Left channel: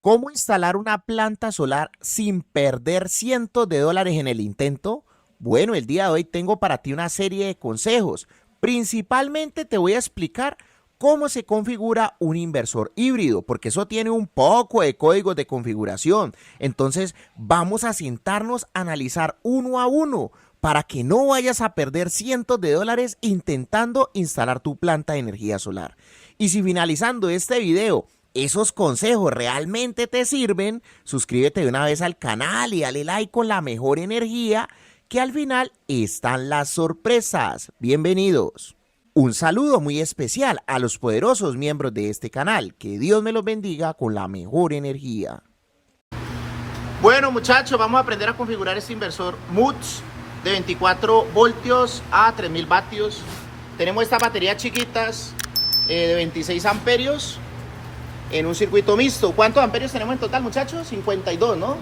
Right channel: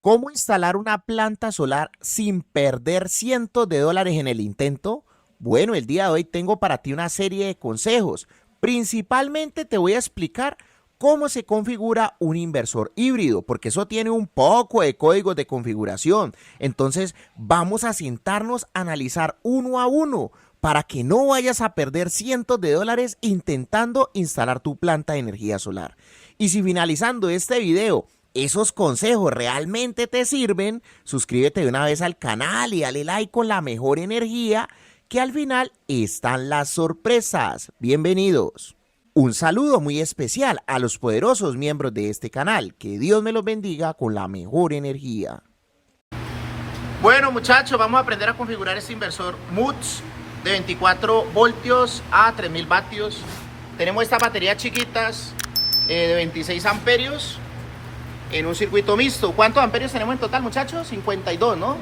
¿Cómo instalar una planta solar sin perder cientos de dólares en el intento? Bueno, el día de hoy tengo para ti una serie de consejos. Principalmente te voy a explicar cómo se configura un inversor híbrido, porque eso tiene un poco de códigos de configuración. Entonces, vamos a sentarnos a analizar uno a uno para que no vayas a perder cientos de dólares intentando instalar tu planta de energía solar. Y si finalizando este video esos consejos realmente te sirven, suscríbete de una vez al canal y dale like con la mejor energía, que al final están las sorpresas. Bienvenidos. Un saludo muy especial a los poderosos miembros de este canal. Que Dios me los bendiga con la mejor energía. Bueno, muchachos, vamos a aprender a configurar este inversor MUTS de 24 voltios a 3000 vatios. Tenemos estas baterías chiquitas de 26 amperios en un circuito mixto. ¿Cuántos amperios tenemos en total, muchachos? 52, ¿no?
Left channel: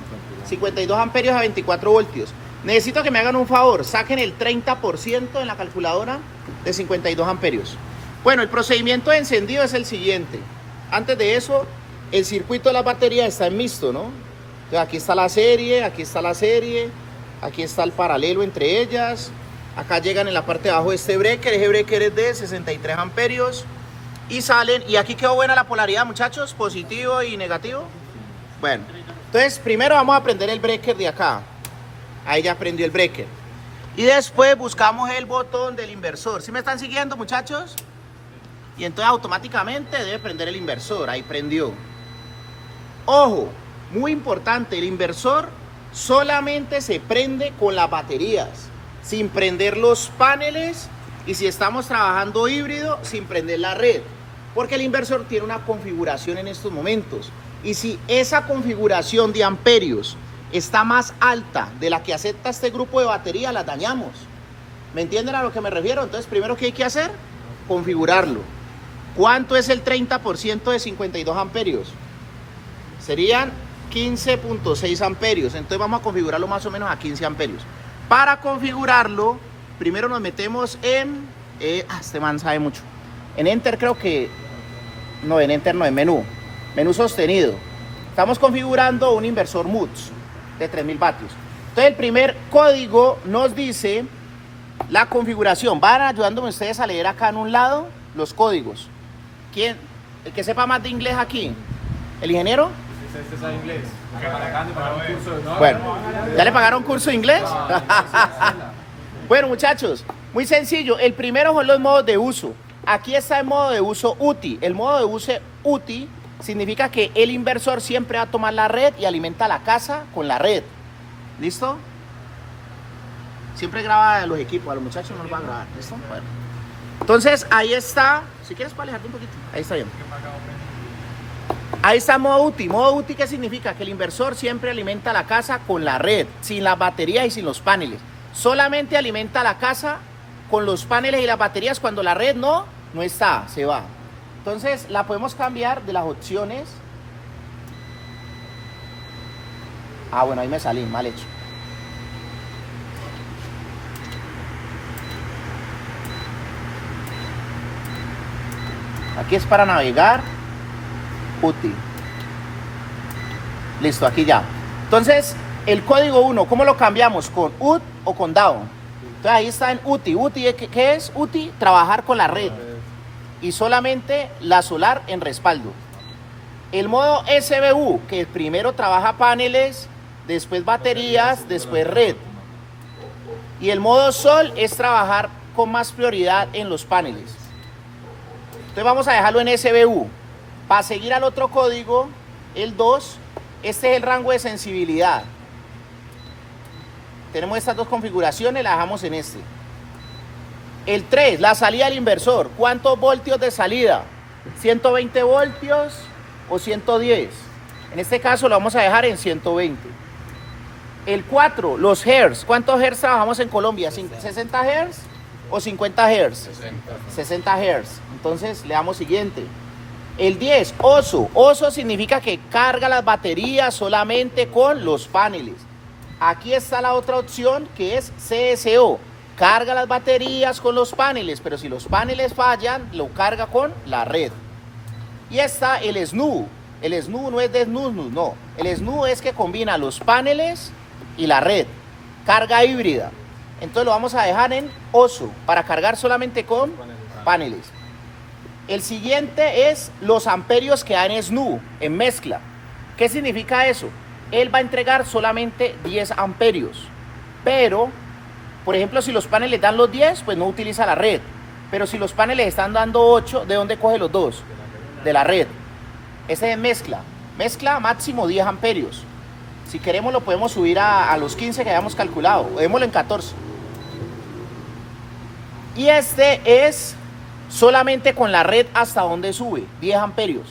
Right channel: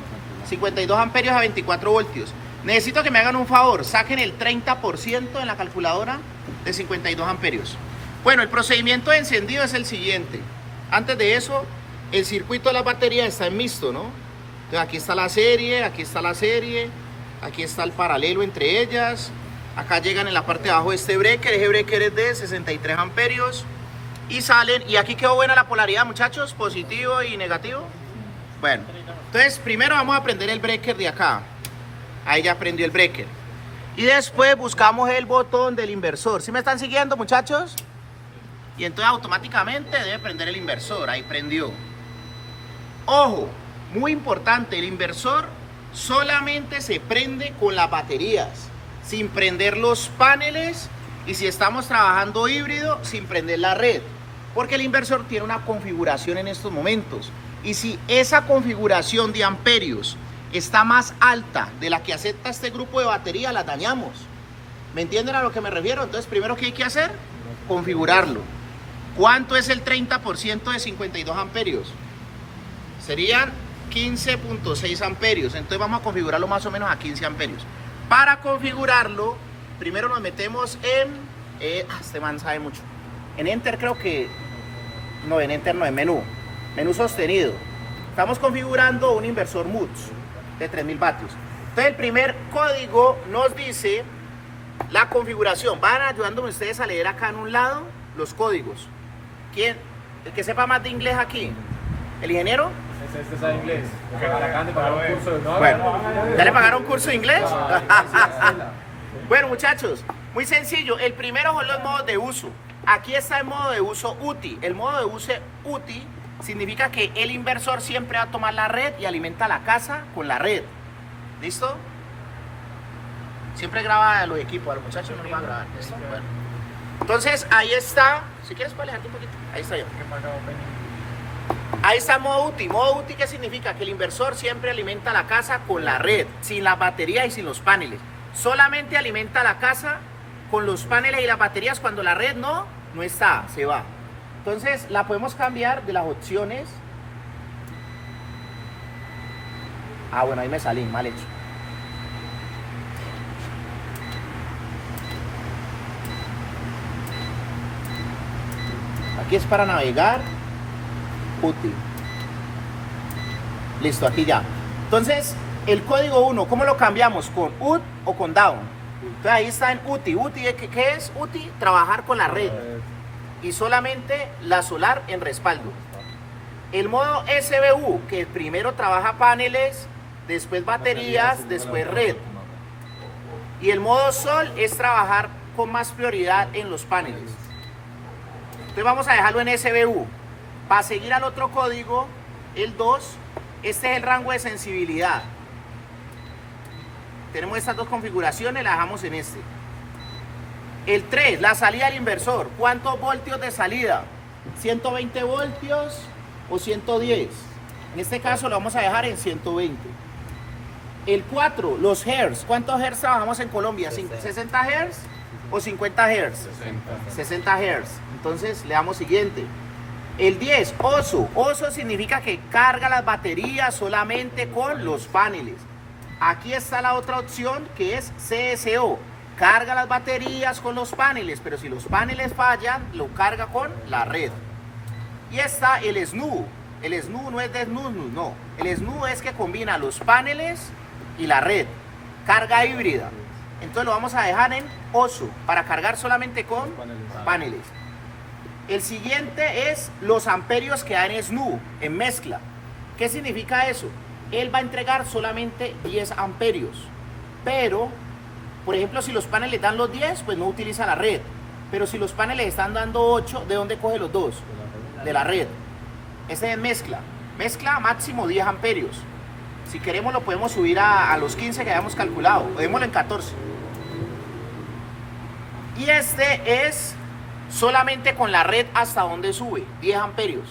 52 amperios a 24 voltios. Necesito que me hagan un favor, saquen el 30% en la calculadora de 52 amperios. Bueno, el procedimiento de encendido es el siguiente. Antes de eso, el circuito de la batería está en mixto, ¿no? Entonces, aquí está la serie, aquí está la serie, aquí está el paralelo entre ellas. Acá llegan en la parte de abajo de este breaker. Ese breaker es de 63 amperios. Y salen, y aquí quedó buena la polaridad, muchachos, positivo y negativo. Bueno, entonces primero vamos a prender el breaker de acá. Ahí ya prendió el breaker. Y después buscamos el botón del inversor. ¿Sí me están siguiendo, muchachos? Y entonces automáticamente debe prender el inversor. Ahí prendió. Ojo, muy importante, el inversor solamente se prende con las baterías, sin prender los paneles, y si estamos trabajando híbrido, sin prender la red. Porque el inversor tiene una configuración en estos momentos. Y si esa configuración de amperios está más alta de la que acepta este grupo de batería, la dañamos. ¿Me entienden a lo que me refiero? Entonces, primero, ¿qué hay que hacer? Configurarlo. ¿Cuánto es el 30% de 52 amperios? Serían 15.6 amperios. Entonces vamos a configurarlo más o menos a 15 amperios. Para configurarlo, primero nos metemos en... este man sabe mucho. En Enter creo que... No, en Enter no, en menú. Menú sostenido. Estamos configurando un inversor MUTS de 3000 vatios. Entonces el primer código nos dice la configuración. Van ayudándome ustedes a leer acá en un lado los códigos. ¿Quién? El que sepa más de inglés aquí. ¿El ingeniero? Este sabe inglés. Porque para acá de pagar un curso de... Bueno, ¿ya le pagaron curso de inglés? Bueno, muchachos, muy sencillo. El primero son los modos de uso. Aquí está el modo de uso UTI. El modo de uso UTI significa que el inversor siempre va a tomar la red y alimenta la casa con la red. ¿Listo? Siempre graba a los equipos, a los muchachos no los van a grabar. ¿Listo? Bueno. Entonces, ahí está. Si quieres, para alejarte un poquito. Ahí está. Ahí está modo UTI. Modo UTI, ¿qué significa? Que el inversor siempre alimenta la casa con la red, sin las baterías y sin los paneles. Solamente alimenta la casa con los paneles y las baterías cuando la red no está, se va. Entonces la podemos cambiar de las opciones. Ah, bueno, ahí me salí, mal hecho. Aquí es para navegar. UTI. Listo, aquí ya. Entonces, el código 1, ¿cómo lo cambiamos? ¿Con UT o con DOWN? Entonces ahí está en UTI. UTI, ¿qué es UTI? Trabajar con la red. Y solamente la solar en respaldo. El modo SBU, que primero trabaja paneles, después baterías, después red. Y el modo sol es trabajar con más prioridad en los paneles. Entonces vamos a dejarlo en SBU. Para seguir al otro código, el 2, este es el rango de sensibilidad. Tenemos estas dos configuraciones, las dejamos en este. El 3, la salida del inversor. ¿Cuántos voltios de salida? ¿120 voltios o 110? En este caso lo vamos a dejar en 120. El 4, los hertz. ¿Cuántos hertz trabajamos en Colombia? ¿60 hertz o 50 hertz? 60 hertz. Entonces le damos siguiente. El 10, OSO. OSO significa que carga las baterías solamente con los paneles. Aquí está la otra opción que es CSO. Carga las baterías con los paneles, pero si los paneles fallan, lo carga con la red. Y está el SNU. El SNU no es de SNUS, no. El SNU es que combina los paneles y la red. Carga híbrida. Entonces lo vamos a dejar en OSO para cargar solamente con paneles. El siguiente es los amperios que da en SNU, en mezcla. ¿Qué significa eso? Él va a entregar solamente 10 amperios. Pero, por ejemplo, si los paneles dan los 10, pues no utiliza la red. Pero si los paneles están dando 8, ¿de dónde coge los 2? De la red. Ese es mezcla. Mezcla máximo 10 amperios. Si queremos lo podemos subir a los 15 que habíamos calculado. O démoslo en 14. Y este es solamente con la red hasta donde sube, 10 amperios.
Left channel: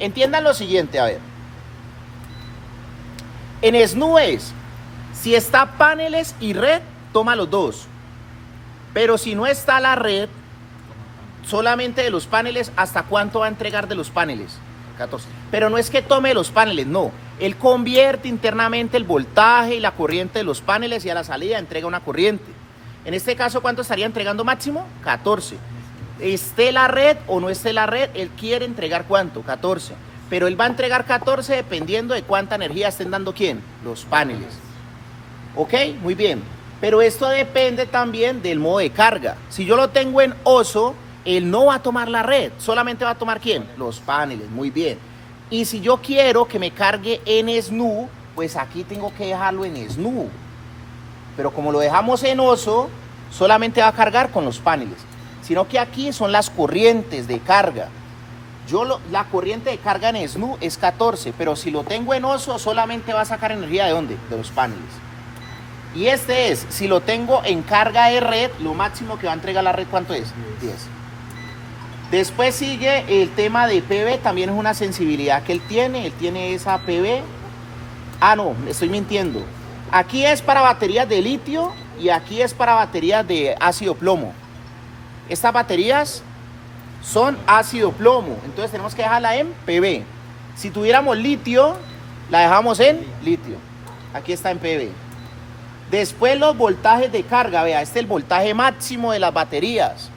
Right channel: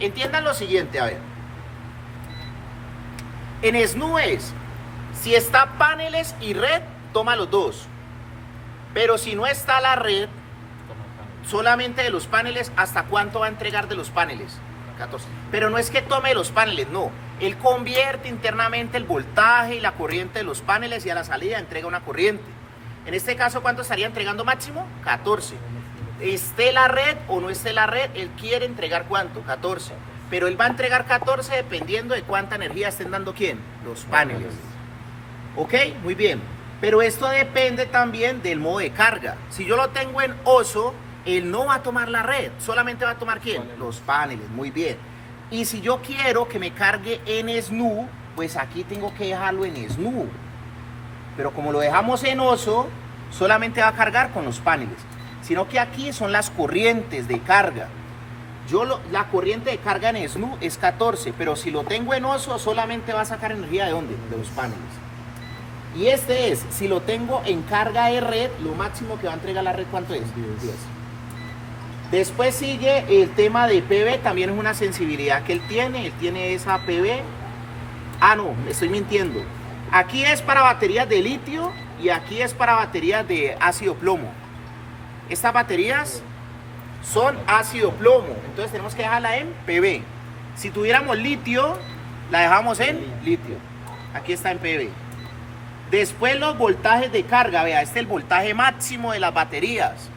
Entiendan lo siguiente, a ver. En SNU es, si está paneles y red, toma los dos. Pero si no está la red, solamente de los paneles, ¿hasta cuánto va a entregar de los paneles? 14. Pero no es que tome los paneles, no. Él convierte internamente el voltaje y la corriente de los paneles y a la salida entrega una corriente. En este caso, ¿cuánto estaría entregando máximo? 14. Esté la red o no esté la red, él quiere entregar ¿cuánto? 14. Pero él va a entregar 14 dependiendo de cuánta energía estén dando ¿quién? Los paneles. ¿Ok? Muy bien. Pero esto depende también del modo de carga. Si yo lo tengo en OSO, él no va a tomar la red, solamente va a tomar ¿quién? Los paneles, muy bien. Y si yo quiero que me cargue en SNU, pues aquí tengo que dejarlo en SNU. Pero como lo dejamos en OSO, solamente va a cargar con los paneles. Sino que aquí son las corrientes de carga. La corriente de carga en SNU es 14, pero si lo tengo en OSO, solamente va a sacar energía ¿de dónde? De los paneles. Y este es, si lo tengo en carga de red, lo máximo que va a entregar la red, ¿cuánto es? 10. Después sigue el tema de PV, también es una sensibilidad que él tiene esa PV. Ah, no, me estoy mintiendo. Aquí es para baterías de litio y aquí es para baterías de ácido plomo. Estas baterías son ácido plomo, entonces tenemos que dejarla en PV. Si tuviéramos litio, la dejamos en litio. Aquí está en PV. Después los voltajes de carga, vea, este es el voltaje máximo de las baterías.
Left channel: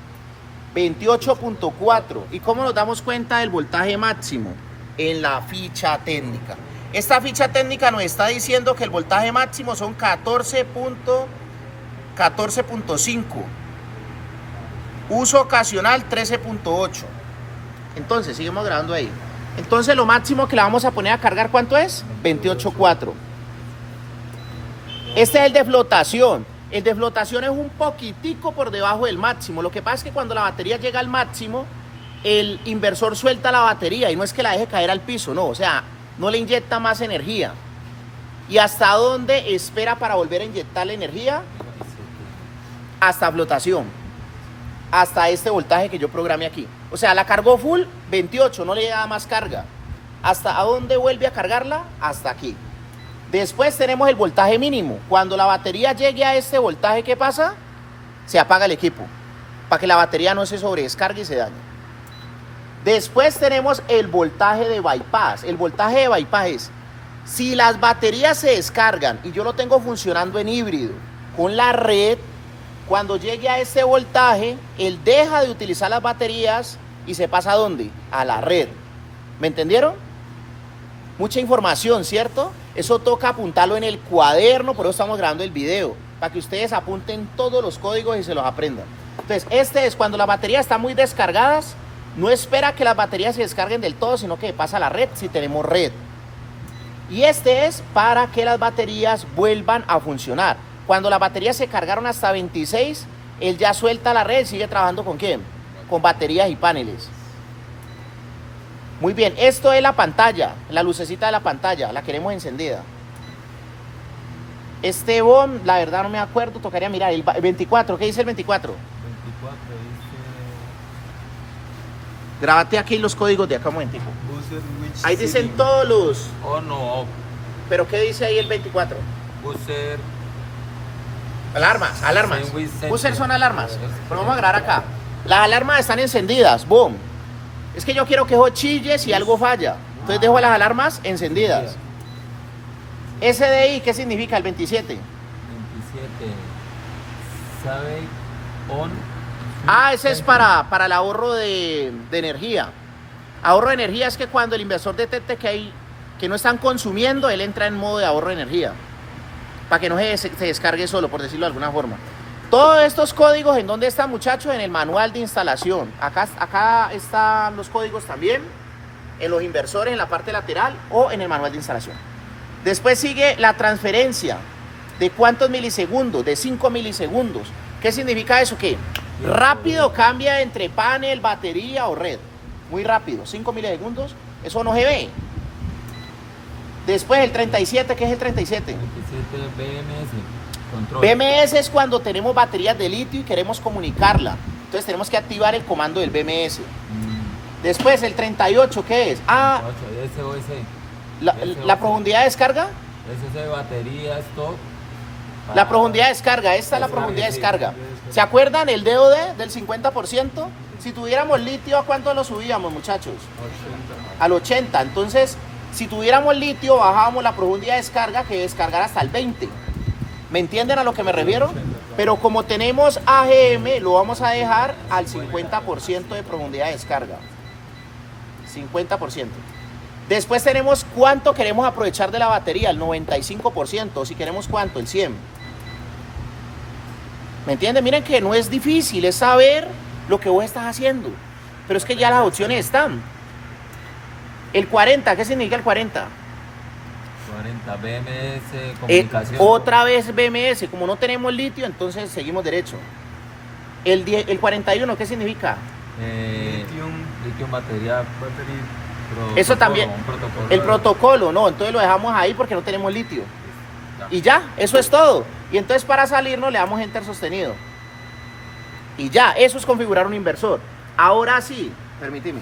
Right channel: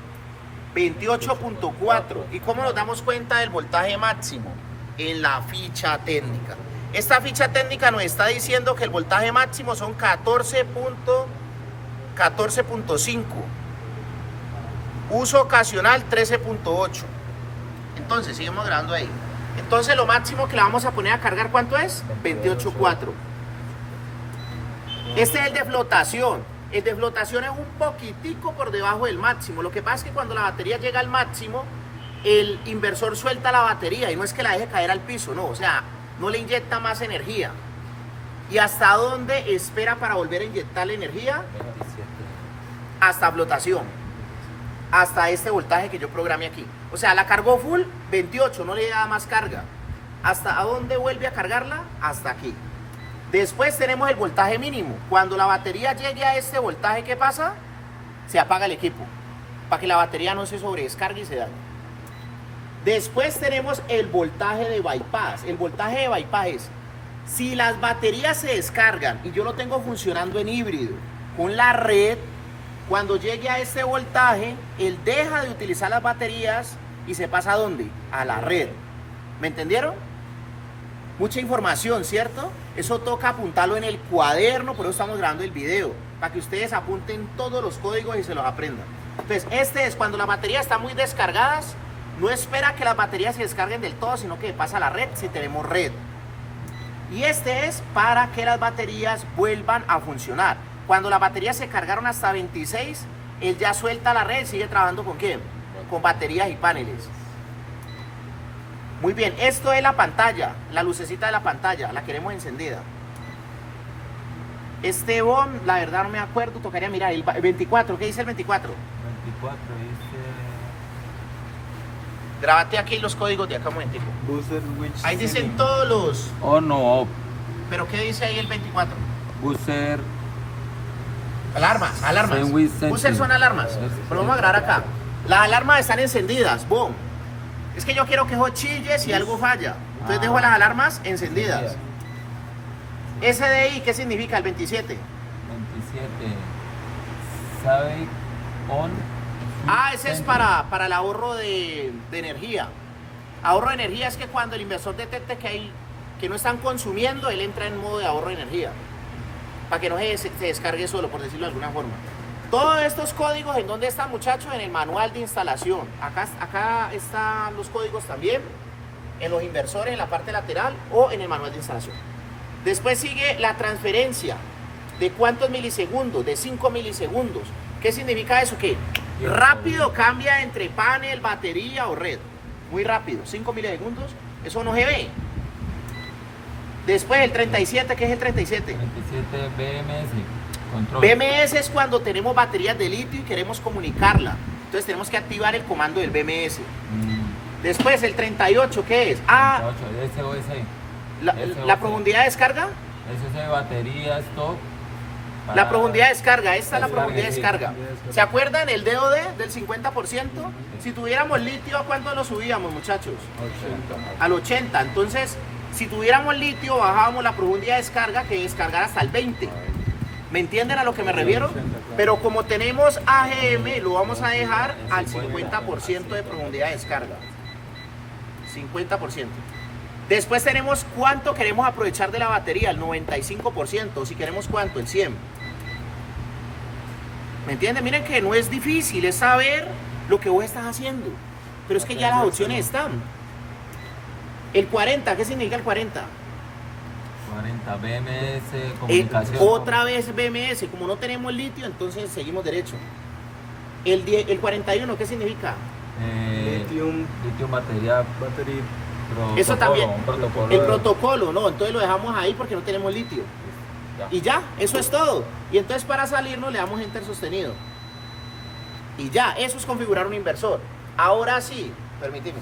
28.4. ¿Y cómo nos damos cuenta del voltaje máximo? En la ficha técnica. Esta ficha técnica nos está diciendo que el voltaje máximo son 14.5. Uso ocasional 13.8. Entonces, seguimos grabando ahí. Entonces lo máximo que le vamos a poner a cargar, ¿cuánto es? 28.4. Este es el de flotación. El de flotación es un poquitico por debajo del máximo. Lo que pasa es que cuando la batería llega al máximo, el inversor suelta la batería y no es que la deje caer al piso, no, o sea, no le inyecta más energía. ¿Y hasta dónde espera para volver a inyectar la energía? Hasta flotación. Hasta este voltaje que yo programé aquí. O sea, la cargó full, 28, no le da más carga. ¿Hasta dónde vuelve a cargarla? Hasta aquí. Después tenemos el voltaje mínimo. Cuando la batería llegue a este voltaje, ¿qué pasa? Se apaga el equipo, para que la batería no se sobredescargue y se dañe. Después tenemos el voltaje de bypass. El voltaje de bypass es, si las baterías se descargan y yo lo tengo funcionando en híbrido con la red, cuando llegue a este voltaje, él deja de utilizar las baterías y se pasa ¿a dónde? A la red. ¿Me entendieron? Mucha información, ¿cierto? Eso toca apuntarlo en el cuaderno, por eso estamos grabando el video, para que ustedes apunten todos los códigos y se los aprendan. Entonces, este es cuando las baterías están muy descargadas, no espera que las baterías se descarguen del todo, sino que pasa a la red si tenemos red. Y este es para que las baterías vuelvan a funcionar. Cuando las baterías se cargaron hasta 26, él ya suelta la red y sigue trabajando ¿con quién? Con baterías y paneles. Muy bien, esto es la pantalla, la lucecita de la pantalla, la queremos encendida. Este BOM, la verdad no me acuerdo, tocaría mirar. El 24, ¿qué dice el 24? 24 dice... Grábate aquí los códigos de acá un momentico. User which Ahí dicen setting? todos los... On o off. ¿Pero qué dice ahí el 24? User... Alarmas, alarmas. Sandwich center. User son alarmas. Pero vamos a grabar acá. Las alarmas están encendidas, boom. Es que yo quiero que eso chille si algo falla. Entonces dejo las alarmas encendidas. SDI, ¿qué significa el 27? 27. Sabe on. Ah, ese es para el ahorro de energía. Ahorro de energía es que cuando el inversor detecte que no están consumiendo, él entra en modo de ahorro de energía. Para que no se descargue solo, por decirlo de alguna forma. Todos estos códigos, ¿en dónde están, muchachos? En el manual de instalación. Acá están los códigos también, en los inversores, en la parte lateral o en el manual de instalación. Después sigue la transferencia. ¿De cuántos milisegundos? De 5 milisegundos. ¿Qué significa eso? Que rápido cambia entre panel, batería o red. Muy rápido, 5 milisegundos, eso no se ve. Después el 37, ¿qué es el 37? 37 BMS, control. BMS es cuando tenemos baterías de litio y queremos comunicarla. Entonces tenemos que activar el comando del BMS. Después el 38, ¿qué es? SOS. La profundidad de descarga. SOS, batería, stop. La profundidad de descarga, esta es la profundidad de descarga. ¿Se acuerdan el DOD del 50%? Si tuviéramos litio, ¿a cuánto lo subíamos, muchachos? 80. Al 80. Entonces, si tuviéramos litio, bajábamos la profundidad de descarga, que descargar hasta el 20. ¿Me entienden a lo que me refiero? Pero como tenemos AGM, lo vamos a dejar al 50% de profundidad de descarga. 50%. Después tenemos cuánto queremos aprovechar de la batería, el 95%. Si queremos cuánto, el 100%. ¿Me entienden? Miren que no es difícil, es saber lo que vos estás haciendo. Pero es que ya las opciones están. El 40, ¿qué significa el 40? 40 BMS, comunicación. Otra vez BMS, como no tenemos litio, entonces seguimos derecho. El 41, ¿qué significa? Lithium, batería. Eso también. Protocolo. El protocolo, no, entonces lo dejamos ahí porque no tenemos litio. Ya. Y ya, eso es todo. Y entonces para salirnos le damos Enter sostenido. Y ya, eso es configurar un inversor. Ahora sí, permíteme.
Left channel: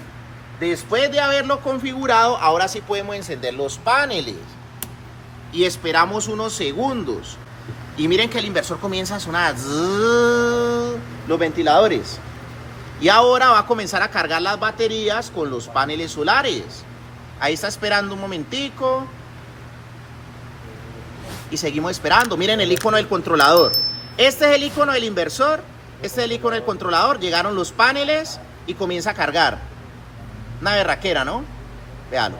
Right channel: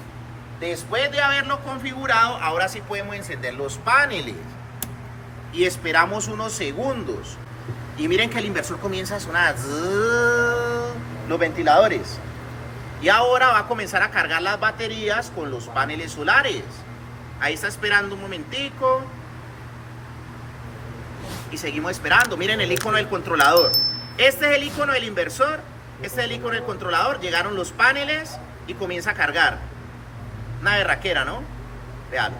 Después de haberlo configurado, ahora sí podemos encender los paneles. Y esperamos unos segundos. Y miren que el inversor comienza a sonar. Los ventiladores. Y ahora va a comenzar a cargar las baterías con los paneles solares. Ahí está esperando un momentico. Y seguimos esperando. Miren el icono del controlador. Este es el icono del inversor. Este es el icono del controlador. Llegaron los paneles y comienza a cargar. Una berraquera, ¿no? Vean.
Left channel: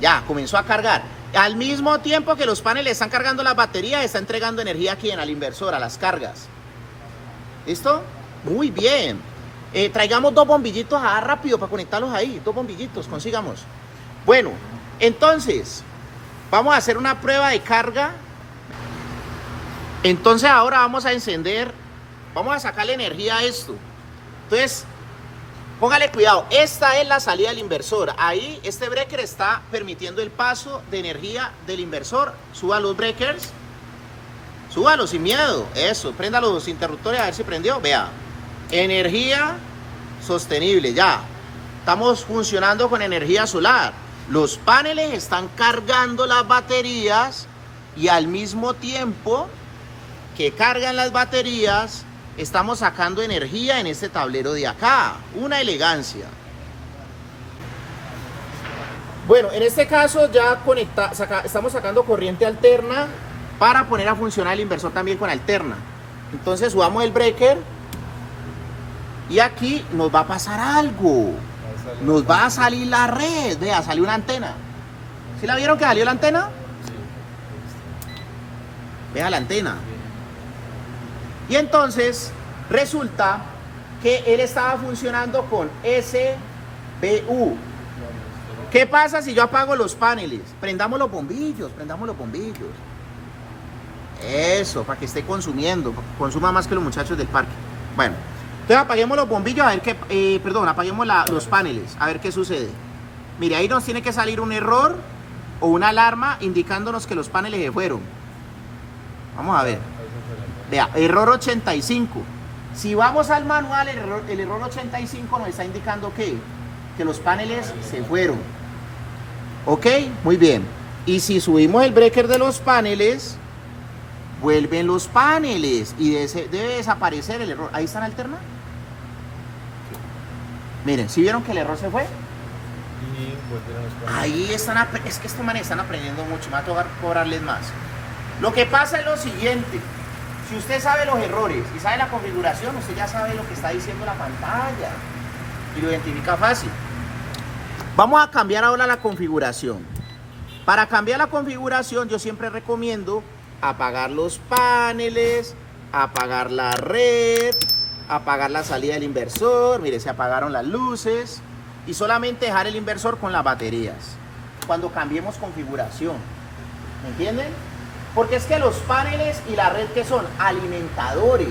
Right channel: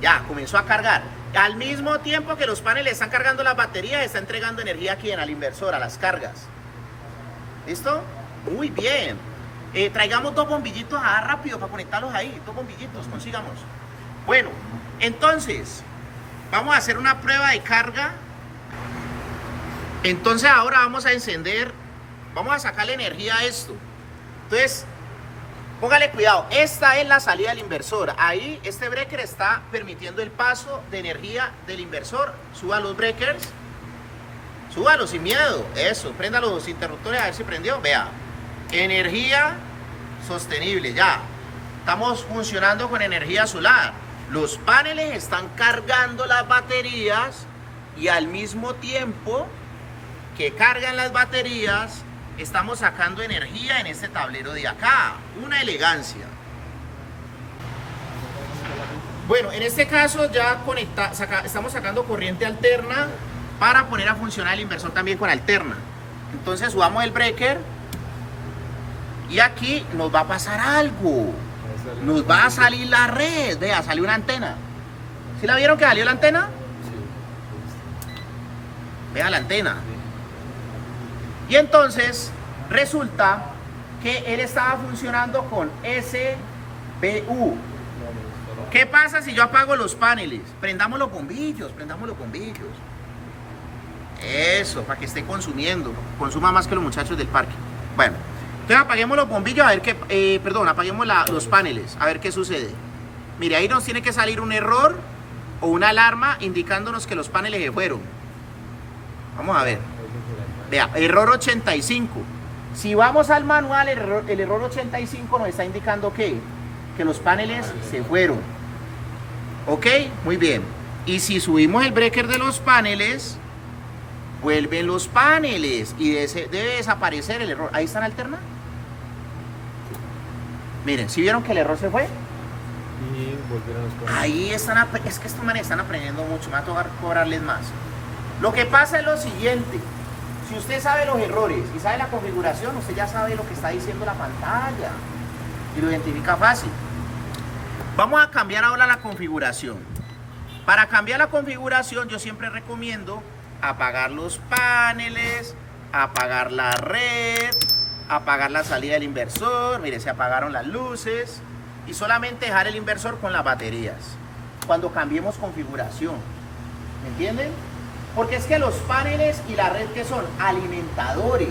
Ya, comenzó a cargar. Al mismo tiempo que los paneles están cargando las baterías, está entregando energía aquí al inversor, a las cargas. ¿Listo? Muy bien. Traigamos dos bombillitos rápido para conectarlos ahí. Dos bombillitos, consigamos. Bueno, entonces, vamos a hacer una prueba de carga. Entonces ahora vamos a encender, vamos a sacarle energía a esto. Entonces, póngale cuidado, esta es la salida del inversor. Ahí este breaker está permitiendo el paso de energía del inversor. Suba los breakers. Súbalo sin miedo. Eso, prenda los interruptores a ver si prendió. Vea, energía sostenible, ya. Estamos funcionando con energía solar. Los paneles están cargando las baterías y al mismo tiempo que cargan las baterías, estamos sacando energía en este tablero de acá. Una elegancia. Bueno, en este caso ya estamos sacando corriente alterna para poner a funcionar el inversor también con alterna. Entonces subamos el breaker y aquí nos va a pasar algo. Nos va a salir la red. Vea, salió una antena. ¿Sí la vieron que salió la antena? Vea la antena. Y entonces resulta que él estaba funcionando con SBU. ¿Qué pasa si yo apago los paneles? Prendamos los bombillos, prendamos los bombillos. Eso, para que esté consumiendo. Consuma más que los muchachos del parque. Bueno, entonces apaguemos los bombillos a ver qué, apaguemos los paneles, a ver qué sucede. Mire, ahí nos tiene que salir un error o una alarma indicándonos que los paneles se fueron. Vamos a ver. Vea, error 85. Si vamos al manual, el error 85 nos está indicando que los paneles se fueron. Ok, muy bien. Y si subimos el breaker de los paneles, vuelven los paneles y debe desaparecer el error. ¿Ahí están alterna? Miren, ¿sí vieron que el error se fue? Y volvieron los paneles. Ahí están, es que estos manes están aprendiendo mucho, me va a tocar cobrarles más. Lo que pasa es lo siguiente. Si usted sabe los errores y sabe la configuración, usted ya sabe lo que está diciendo la pantalla y lo identifica fácil. Vamos a cambiar ahora la configuración. Para cambiar la configuración yo siempre recomiendo apagar los paneles, apagar la red, apagar la salida del inversor. Mire, se apagaron las luces y solamente dejar el inversor con las baterías cuando cambiemos configuración. ¿Me entienden? Porque es que los paneles y la red, que son alimentadores,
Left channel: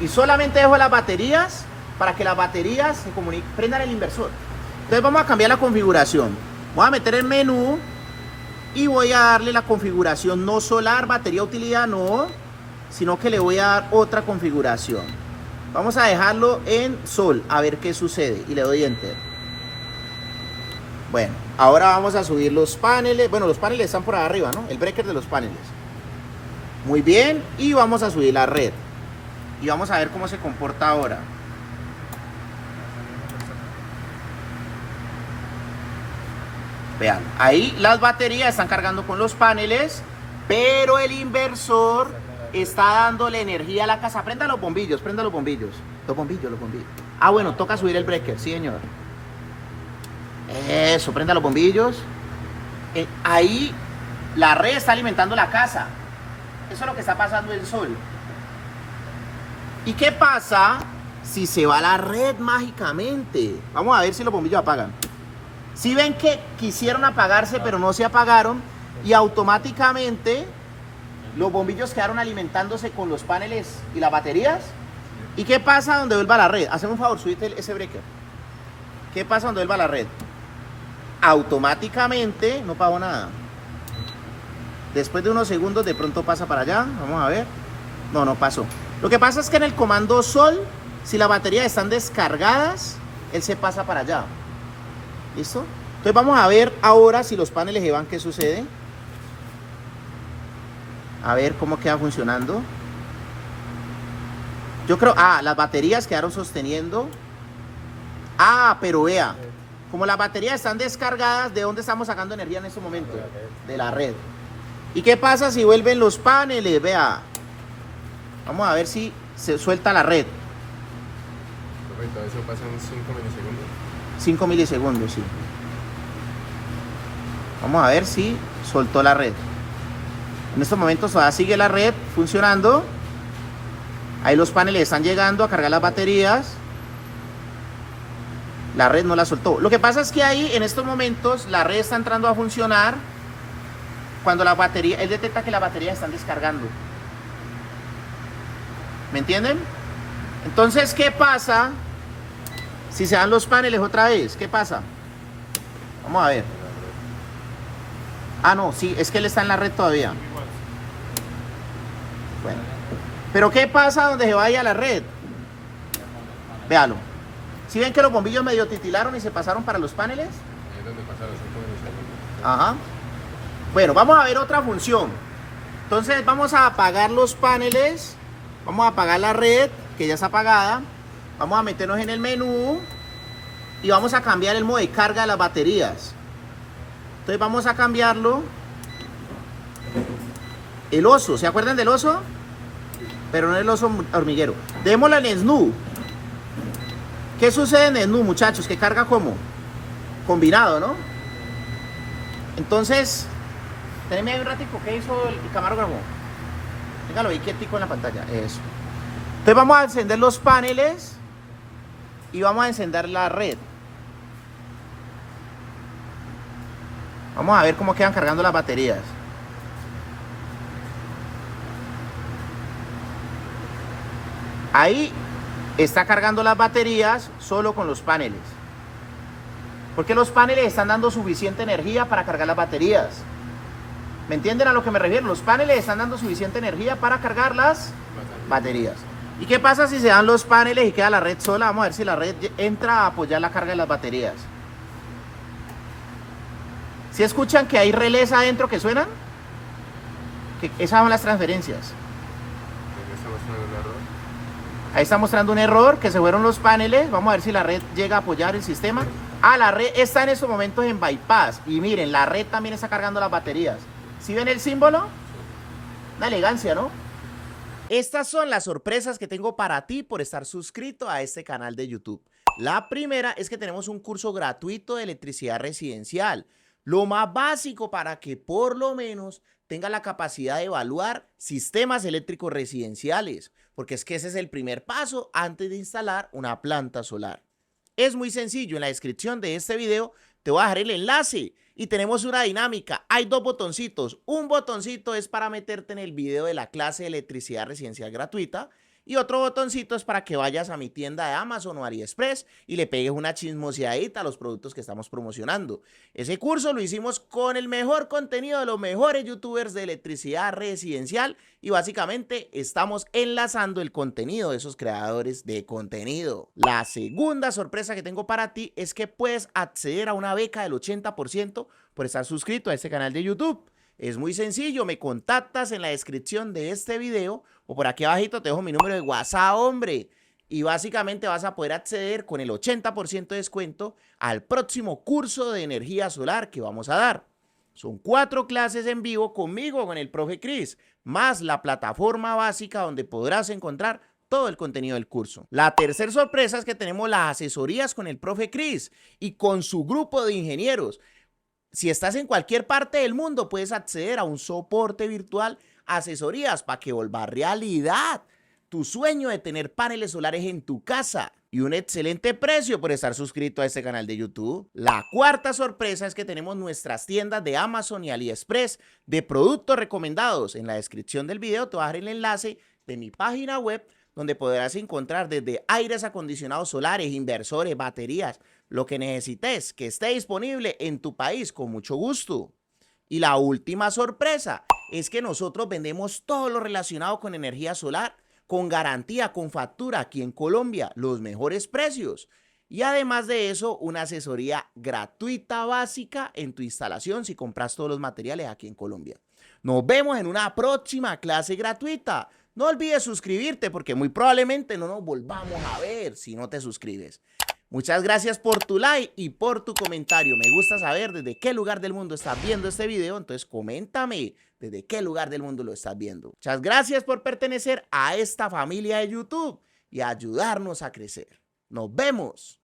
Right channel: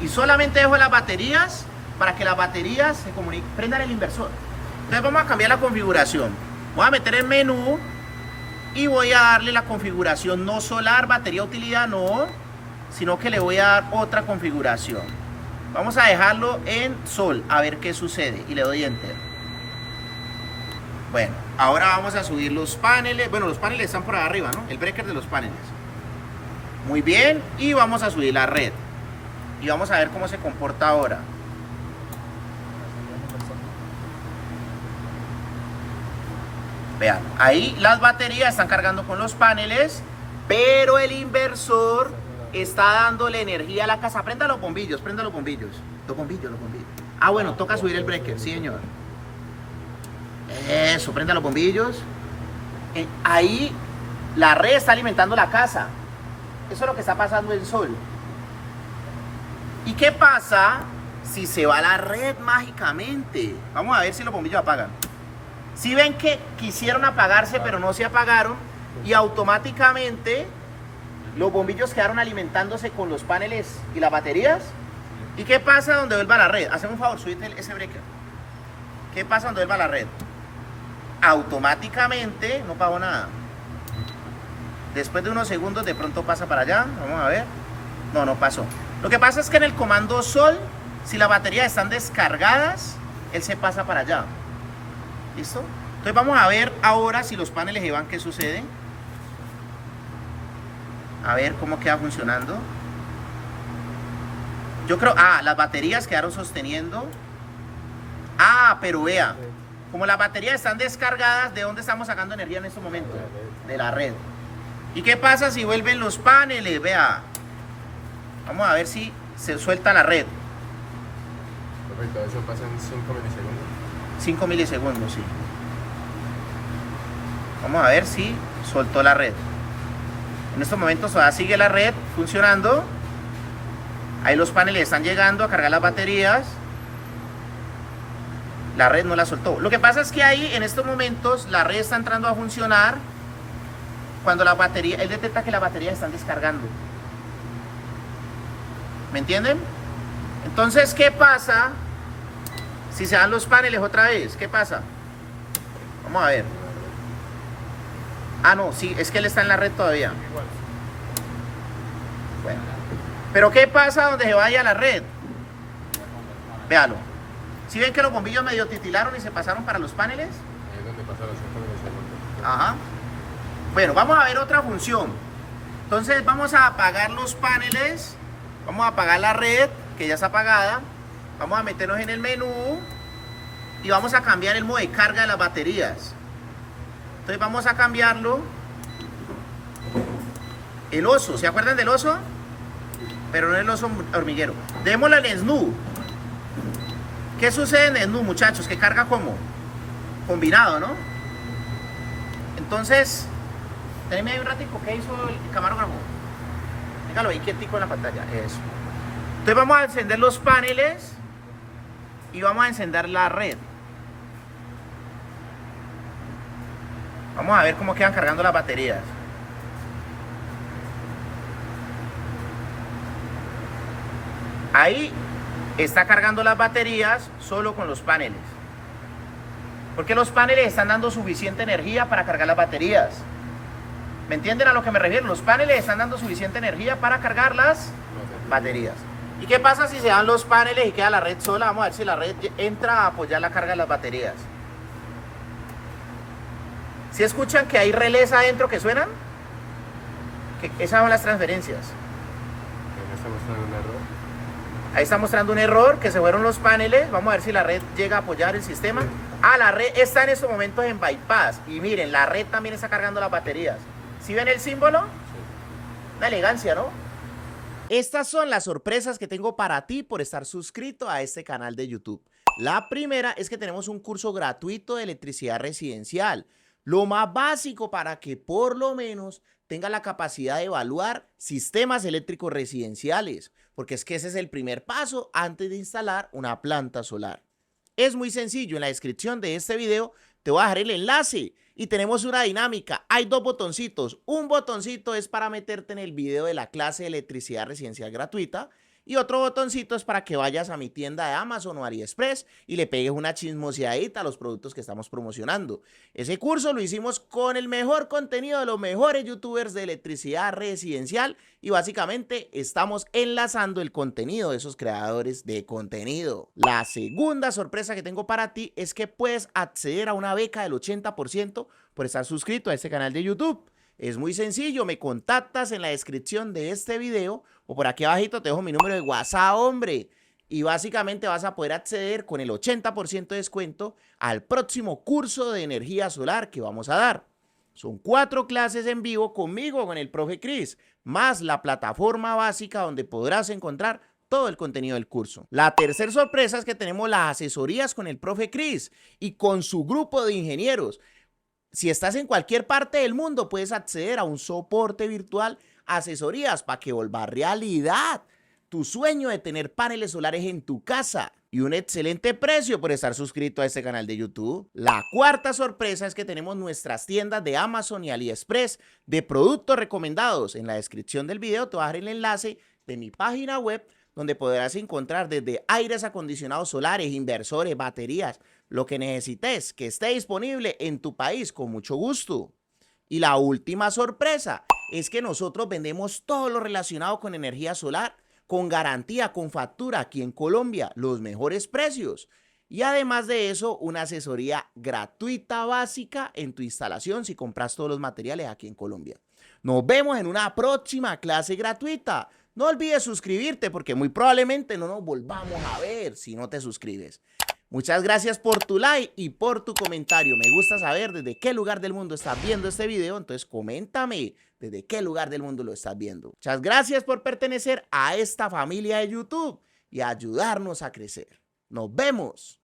y solamente dejo las baterías para que las baterías se comuniquen, prendan el inversor. Entonces vamos a cambiar la configuración. Voy a meter el menú y voy a darle la configuración no solar, batería, utilidad, no, sino que le voy a dar otra configuración. Vamos a dejarlo en sol, a ver qué sucede, y le doy enter. Bueno, ahora vamos a subir los paneles. Bueno, los paneles están por arriba, ¿no? El breaker de los paneles. Muy bien, y vamos a subir la red. Y vamos a ver cómo se comporta ahora. Vean, ahí las baterías están cargando con los paneles, pero el inversor está dándole energía a la casa. Prenda los bombillos, prenda los bombillos. Los bombillos. Ah, bueno, toca subir el breaker, sí, señor. Eso, prenda los bombillos. Ahí la red está alimentando la casa. Eso es lo que está pasando en el sol. ¿Y qué pasa si se va la red mágicamente? Vamos a ver si los bombillos apagan. Si ven que quisieron apagarse pero no se apagaron, y automáticamente los bombillos quedaron alimentándose con los paneles y las baterías. ¿Y qué pasa donde vuelva la red? Haceme un favor, subite ese breaker. ¿Qué pasa donde vuelva la red? Automáticamente no pagó nada. Después de unos segundos de pronto pasa para allá. Vamos a ver. No pasó. Lo que pasa es que en el comando sol, si las baterías están descargadas, él se pasa para allá. ¿Listo? Entonces vamos a ver ahora si los paneles se van, qué sucede. A ver cómo queda funcionando. Yo creo, las baterías quedaron sosteniendo. Pero vea, como las baterías están descargadas, ¿de dónde estamos sacando energía en este momento? De la red. ¿Y qué pasa si vuelven los paneles? Vea, vamos a ver si se suelta la red. Perfecto, eso pasa en 5 milisegundos. 5 milisegundos, sí. Vamos a ver si soltó la red. En estos momentos todavía sigue la red funcionando. Ahí los paneles están llegando a cargar las baterías. La red no la soltó. Lo que pasa es que ahí en estos momentos la red está entrando a funcionar cuando la batería, él detecta que las baterías están descargando. ¿Me entienden? Entonces, ¿qué pasa si se dan los paneles otra vez? ¿Qué pasa? Vamos a ver. No, sí, es que él está en la red todavía. Bueno. Pero ¿qué pasa donde se vaya la red? Véalo. ¿Sí ven que los bombillos medio titilaron y se pasaron para los paneles? Ahí es donde pasa los 5 milisegundos. Ajá. Bueno, vamos a ver otra función. Entonces vamos a apagar los paneles. Vamos a apagar la red, que ya está apagada. Vamos a meternos en el menú y vamos a cambiar el modo de carga de las baterías. Entonces vamos a cambiarlo. El oso, ¿se acuerdan del oso? Pero no el oso hormiguero. Démoslo en snoo. ¿Qué sucede en snoo, muchachos? Que carga como combinado, ¿no? Entonces, teneme ahí un ratico. ¿Qué hizo el camarógrafo? Déjalo ahí quietico en la pantalla. Eso. Entonces vamos a encender los paneles y vamos a encender la red. Vamos a ver cómo quedan cargando las baterías. Ahí está cargando las baterías solo con los paneles. Porque los paneles están dando suficiente energía para cargar las baterías. ¿Me entienden a lo que me refiero? Los paneles están dando suficiente energía para cargar las baterías. ¿Y qué pasa si se dan los paneles y queda la red sola? Vamos a ver si la red entra a apoyar la carga de las baterías. ¿Sí escuchan que hay relés adentro que suenan? Que esas son las transferencias. Ahí está mostrando un error, que se fueron los paneles. Vamos a ver si la red llega a apoyar el sistema. La red está en estos momentos en bypass. Y miren, la red también está cargando las baterías. ¿Sí ven el símbolo? Una elegancia, ¿no? Estas son las sorpresas que tengo para ti por estar suscrito a este canal de YouTube. La primera es que tenemos un curso gratuito de electricidad residencial, lo más básico para que por lo menos tenga la capacidad de evaluar sistemas eléctricos residenciales, porque es que ese es el primer paso antes de instalar una planta solar. Es muy sencillo, en la descripción de este video te voy a dejar el enlace y tenemos una dinámica. Hay dos botoncitos. Un botoncito es para meterte en el video de la clase de electricidad residencial gratuita y otro botoncito es para que vayas a mi tienda de Amazon o AliExpress y le pegues una chismoseadita a los productos que estamos promocionando. Ese curso lo hicimos con el mejor contenido de los mejores youtubers de electricidad residencial y básicamente estamos enlazando el contenido de esos creadores de contenido. La segunda sorpresa que tengo para ti es que puedes acceder a una beca del 80% por estar suscrito a este canal de YouTube. Es muy sencillo, me contactas en la descripción de este video o por aquí abajito te dejo mi número de WhatsApp, hombre. Y básicamente vas a poder acceder con el 80% de descuento al próximo curso de energía solar que vamos a dar. Son 4 clases en vivo conmigo, con el profe Chris, más la plataforma básica donde podrás encontrar todo el contenido del curso. La tercera sorpresa es que tenemos las asesorías con el profe Chris y con su grupo de ingenieros. Si estás en cualquier parte del mundo, puedes acceder a un soporte virtual, asesorías para que vuelva realidad tu sueño de tener paneles solares en tu casa y un excelente precio por estar suscrito a este canal de YouTube. La cuarta sorpresa es que tenemos nuestras tiendas de Amazon y AliExpress de productos recomendados. En la descripción del video te voy a dejar el enlace de mi página web donde podrás encontrar desde aires acondicionados solares, inversores, baterías, lo que necesites que esté disponible en tu país con mucho gusto. Y la última sorpresa es que nosotros vendemos todo lo relacionado con energía solar, con garantía, con factura aquí en Colombia, los mejores precios. Y además de eso, una asesoría gratuita básica en tu instalación si compras todos los materiales aquí en Colombia. Nos vemos en una próxima clase gratuita. No olvides suscribirte porque muy probablemente no nos volvamos a ver si no te suscribes. Muchas gracias por tu like y por tu comentario. Me gusta saber desde qué lugar del mundo estás viendo este video, entonces coméntame desde qué lugar del mundo lo estás viendo. Muchas gracias por pertenecer a esta familia de YouTube y ayudarnos a crecer. Nos vemos.